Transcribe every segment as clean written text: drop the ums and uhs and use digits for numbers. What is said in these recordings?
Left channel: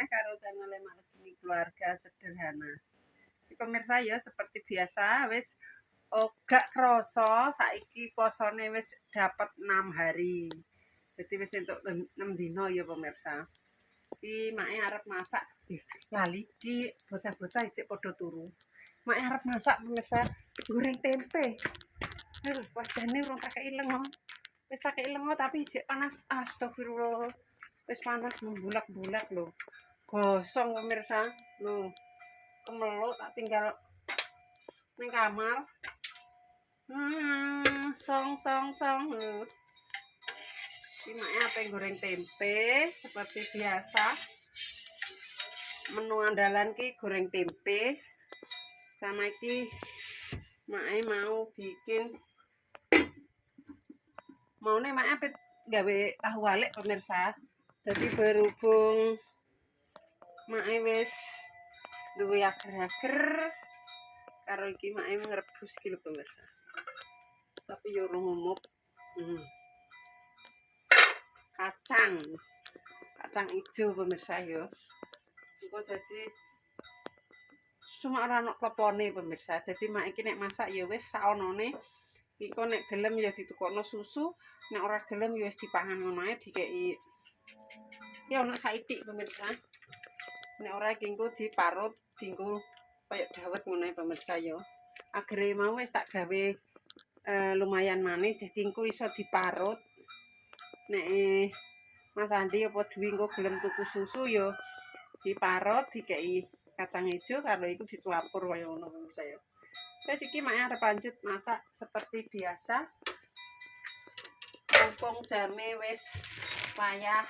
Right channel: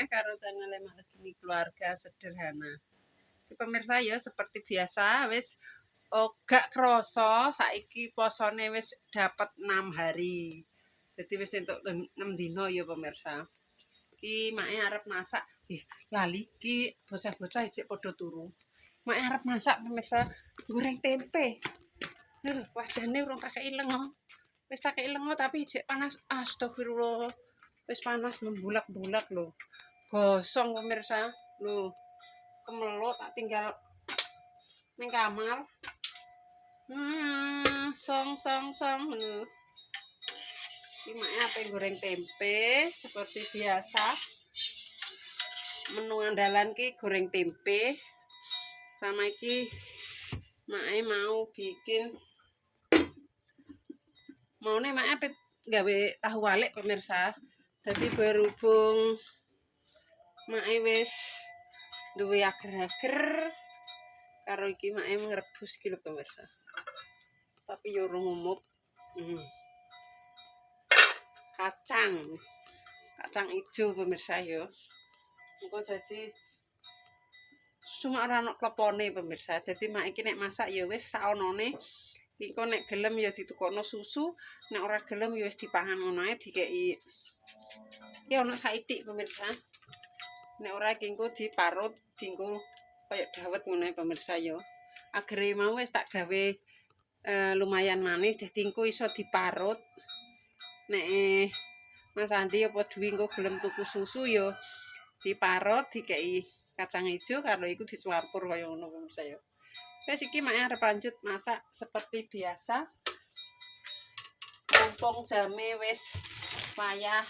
maneh karo channel Malegi Keluarga Sederhana. Iki pemirsa ya seperti biasa wis gak krasa saiki posone wis dapat 6 hari. Jadi wis entuk 6 dina ya pemirsa. Iki make arep masak. Lali iki bocah-bocah isih padha turu. Make arep masak pemirsa goreng tempe. Wajane urung tak kei lengo. Wis tak kei lengo tapi jek panas. Astagfirullah. Wis panas membulak-bulak lho. Gosong pemirsa. Lho. Kemeluk tak tinggal ning kamar. Song lho. Iki make ape goreng tempe seperti biasa. Menu andalan ki goreng tempe. Sama iki make mau bikin maune make ape gawe tahu walik pemirsa. Jadi berhubung make wis duwe ager-ager karo iki make ngrebus iki lho pemirsa. Tapi yo urung umup. Kacang ijo pemirsa yo. Engko dadi cuma ora ono klepone pemirsa. Dadi mak iki nek masak ya wis saonone. Engko nek gelem ya ditukokno susu, nek ora gelem ya wis dipangan ngono ae dikeki. Iki ono saithik pemirsa. Nek ora iki engko diparut dienggo kaya dawet ngono ae pemirsa ya. Agere mau wis tak gawe lumayan manis dadi engko iso diparut. Nek Mas Andi apa Dwi engko gelem tuku susu ya diparut dikeki kacang ijo karo iku dicampur kaya ngono pemirsa ya. Wis iki mak arep lanjut masak seperti biasa. Mumpung jame wis wayah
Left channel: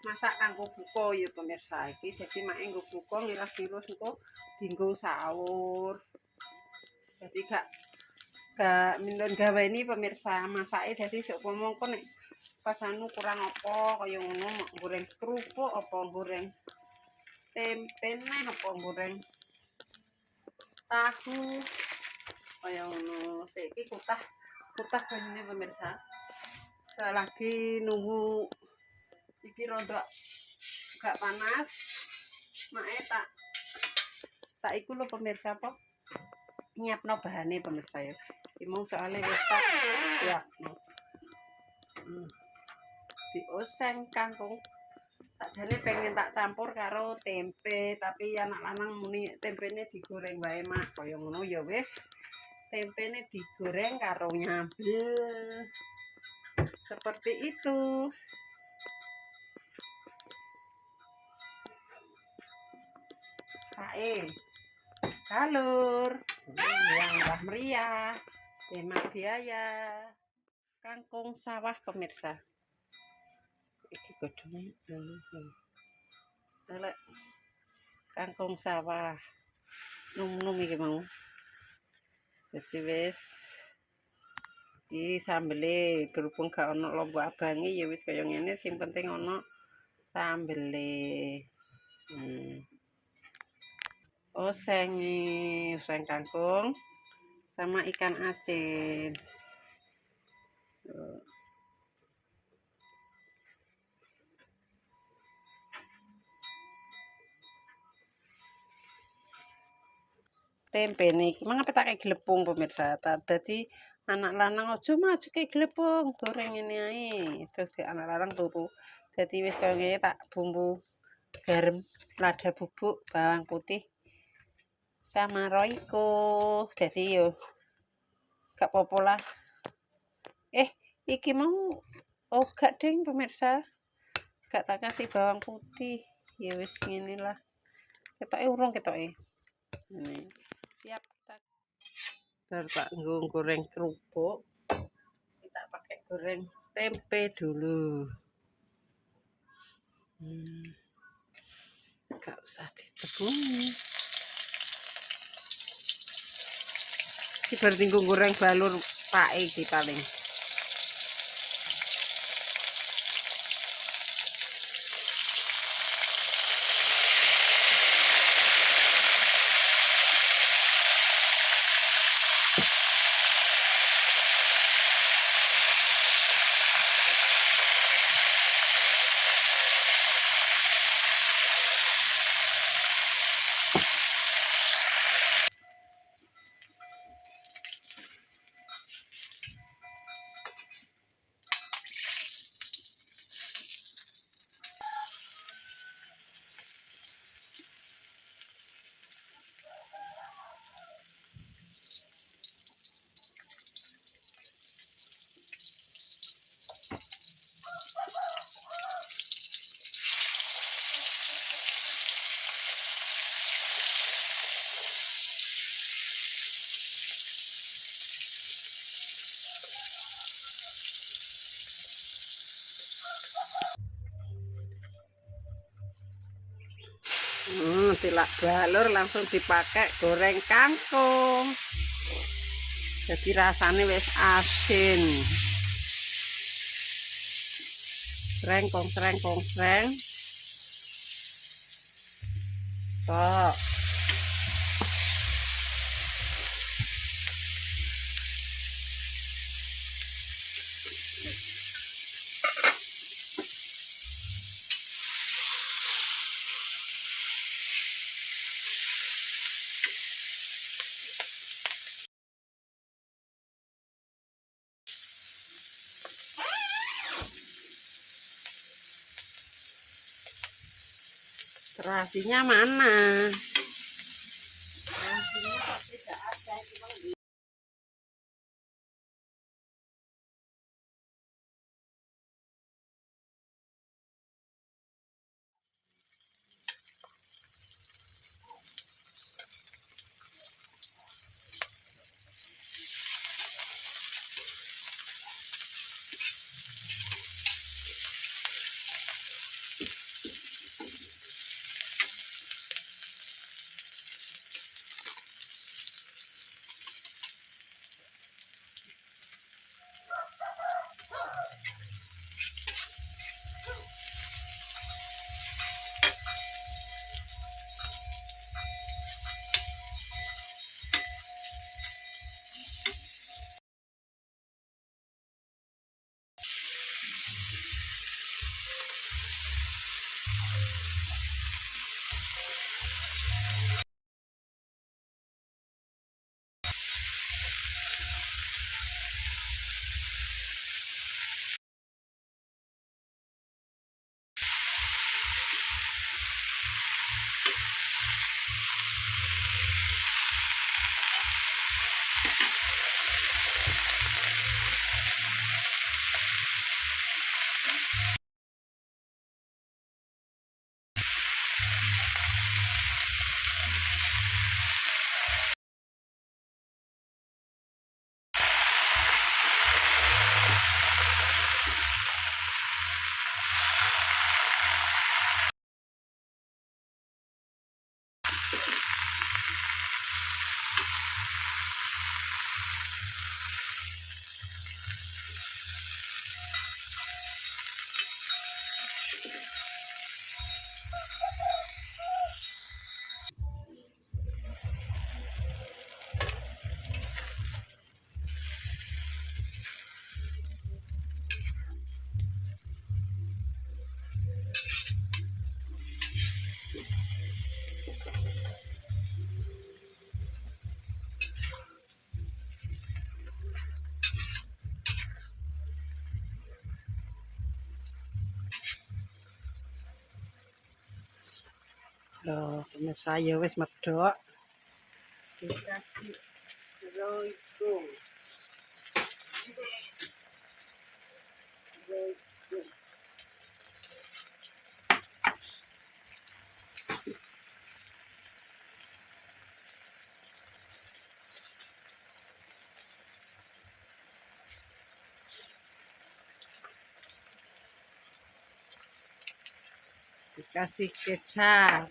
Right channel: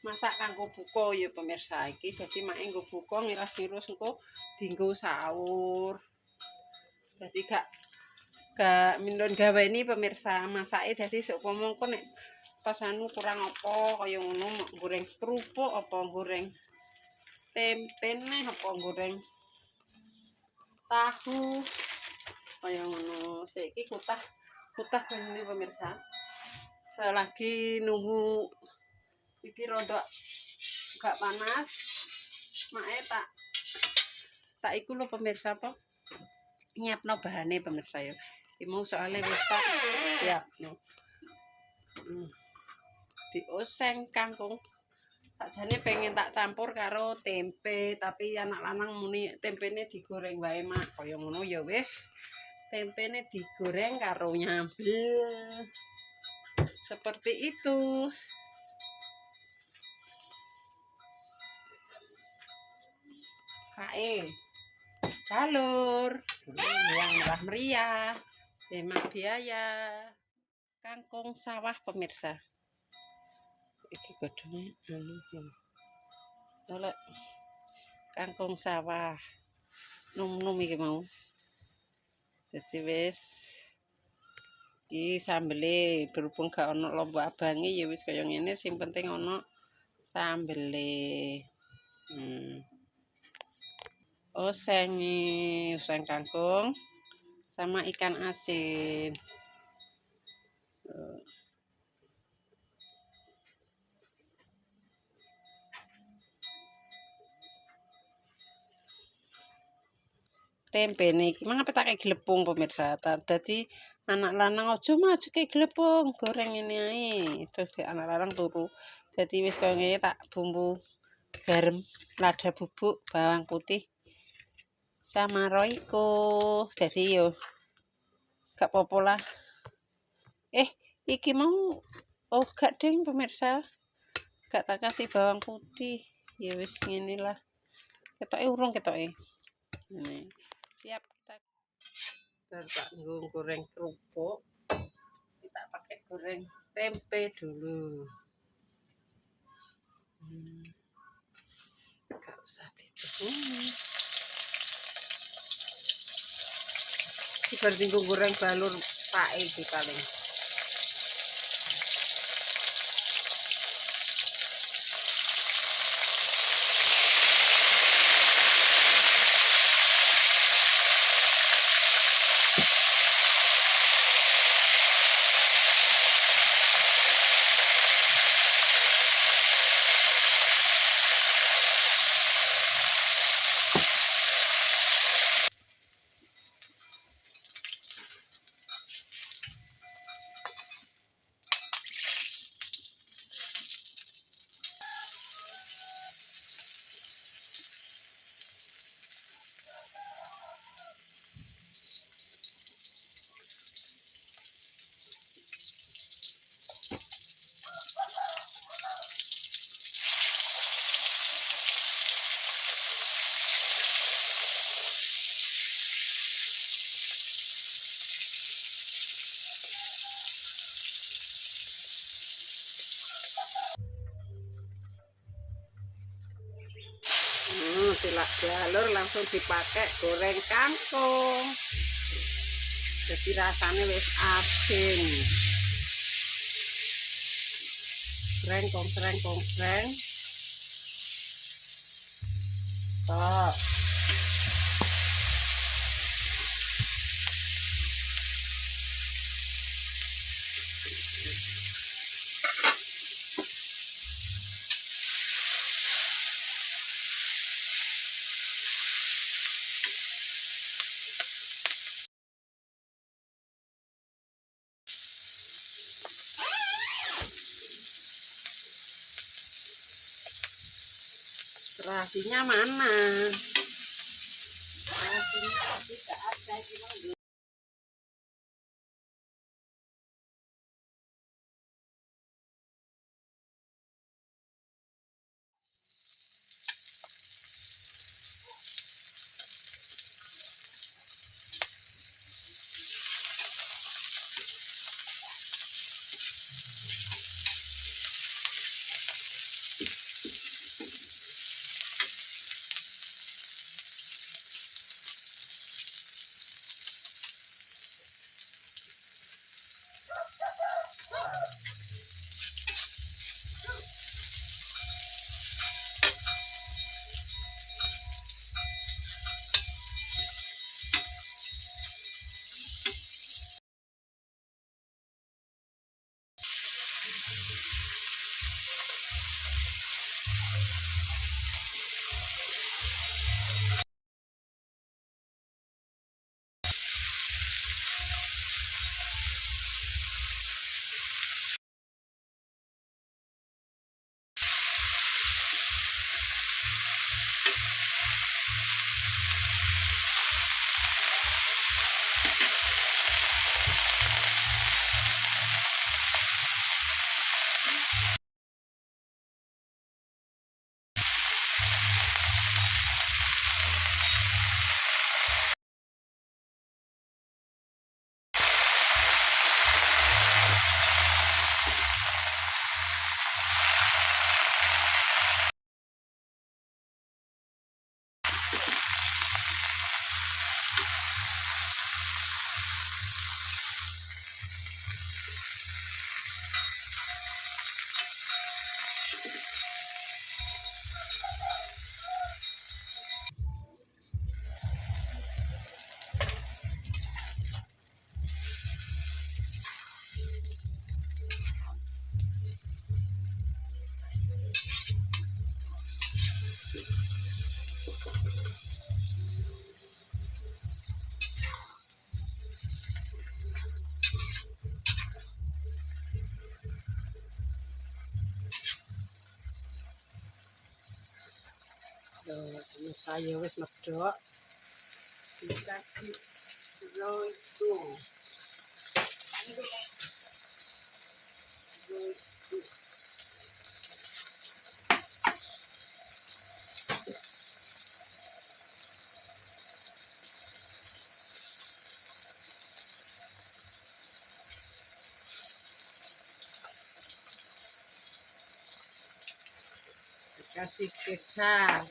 masak kanggo buka ya pemirsa iki. Dadi mak nggo buka ngiras-ngiras engko dienggo sahur. Dadi gak mindon gaweni pemirsa masake dadi seumpama engko nek pas anu kurang apa kaya ngono goreng kerupuk apa goreng tempe neh apa goreng tahu kaya ngono. Saiki kutah ngene pemirsa. Selagi nunggu iki rada gak panas, make tak iku lho pemirsa apa nyiapno bahane pemirsa ya. Iki mau soalnya wis tak siapno. Dioseng kangkung. Sakjane pengen tak campur karo tempe, tapi anak lanang muni tempene digoreng wae mak. Kaya ngono ya wis. Tempene digoreng karo nyambel. Seperti itu. Kae. Salur. Yang murah meriah. Hemat biaya. Kangkung sawah pemirsa. Iki godhonge anu. Kangkung sawah. Num-num iki mau. Jadi wis di sambele berhubung gak ono lombok abange ya wis kaya ngene sing penting ono sambele. Oseng kangkung sama ikan asin. Tempe niki mangapa tak kayak glepung pemirsa. Dadi anak lanang aja maju kayak glepung, goreng ini ae. Terus anak lanang turu. Dadi wis kaya ngene tak bumbu garam, lada bubuk, bawang putih sama roiko. Dadi yo gak apa-apa lah. Iki mau gak ding pemirsa. Gak tak kasih bawang putih. Ya wis ngene lah. Ketoke urung ketoke. Ini. Siap kita tak goreng kerupuk. Kita pakai goreng tempe dulu. Gak usah ditebungi. Iki bertinggu goreng balur pae iki paling. tilak galur langsung dipakai goreng kangkung. Jadi rasanya wis asin. Sreng sreng. Kok terasinya mana? Terasinya tidak ada. Loh, pemirsa ya wis medhok. Dikasih roiko. Dikasih kecap.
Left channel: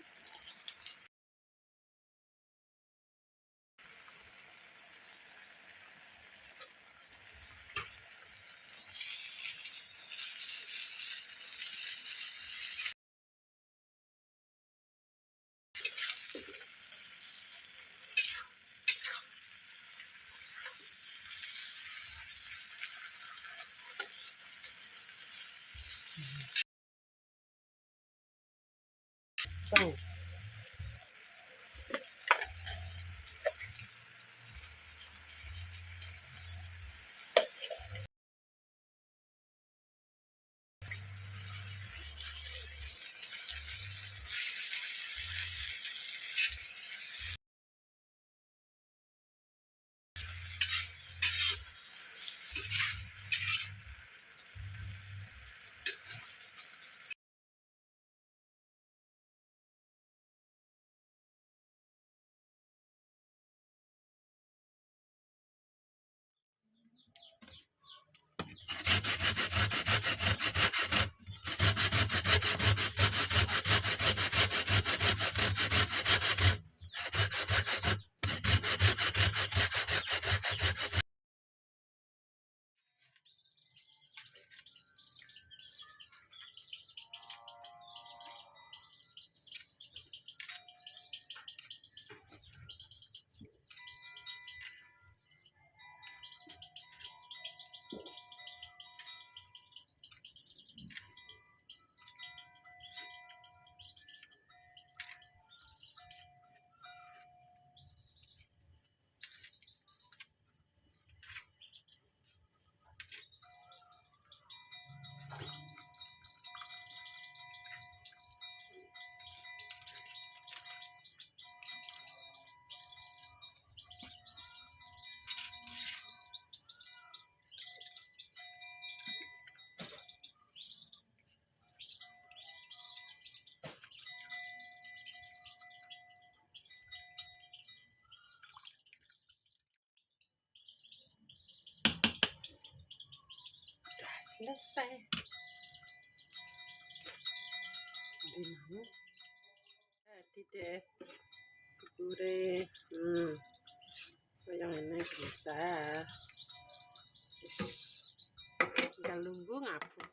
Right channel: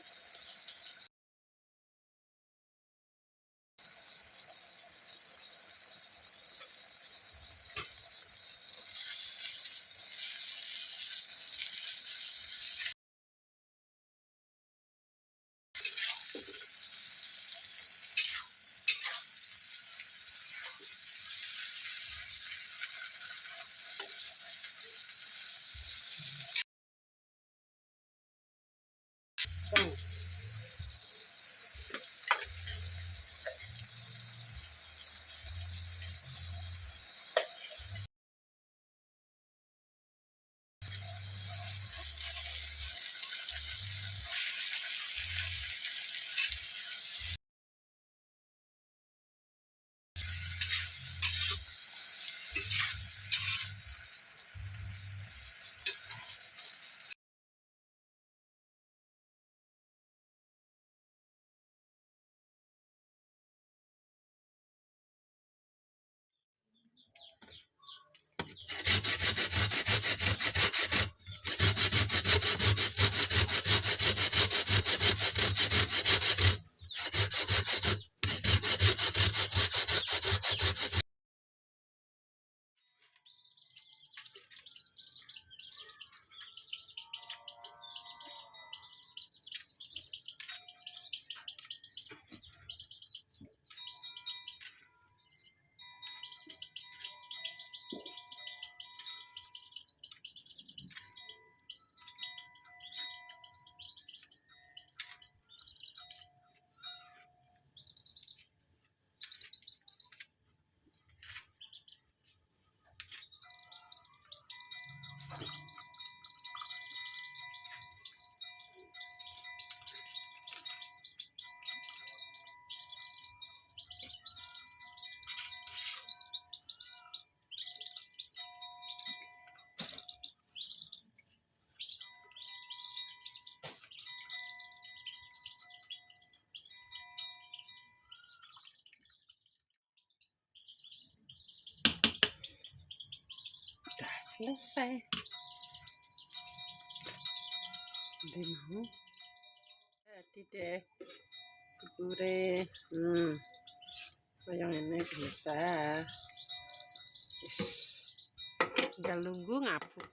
Tuh. selesai. Jadi mau jadi deh bubure. Yang ini bisa. Tinggal nunggu ngapuk.